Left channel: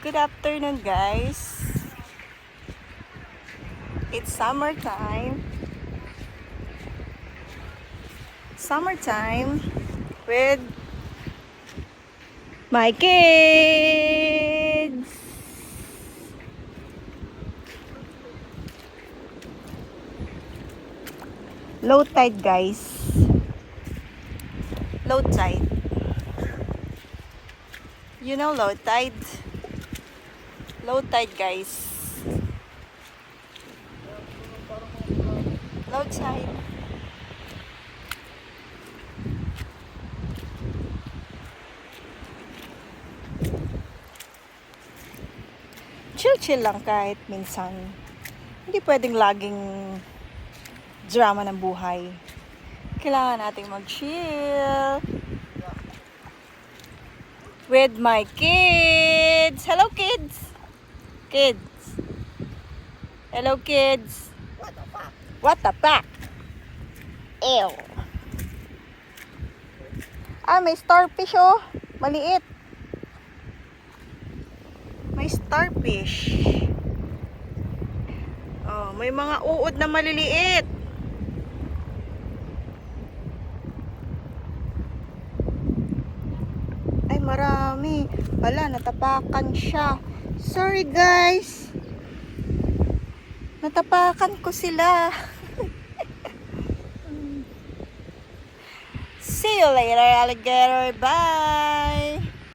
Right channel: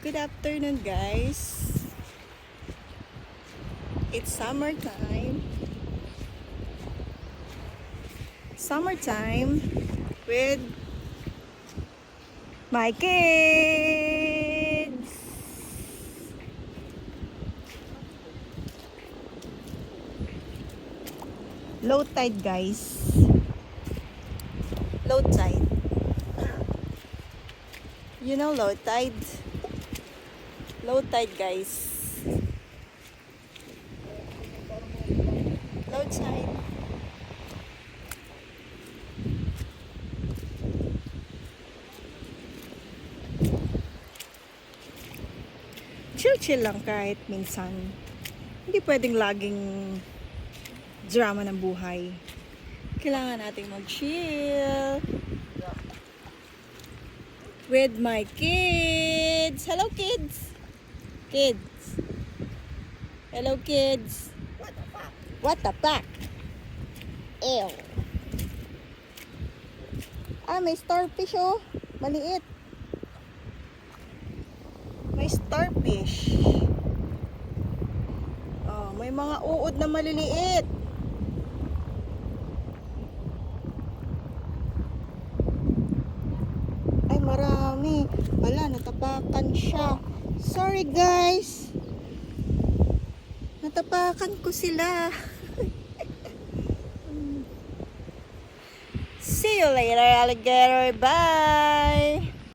Good afternoon, guys. It's summertime. Summertime with my kids. Low tide, guys. Low tide. You know low tide? Low tide, guys. Low tide. Chill-chill lang kahit minsan. Hindi pwedeng laging drama ng buhay. Kailangan nating mag-chill with my kids. Hello, kids. Kids. Hello, kids. What the fuck? What the fuck? Ew. May starfish, oh. Maliit. May starfish. Oh, may mga uod na maliliit. Ay, marami. Wala, natapakan siya. Sorry, guys. Natapakan ko sila. See you later, alligator. Bye.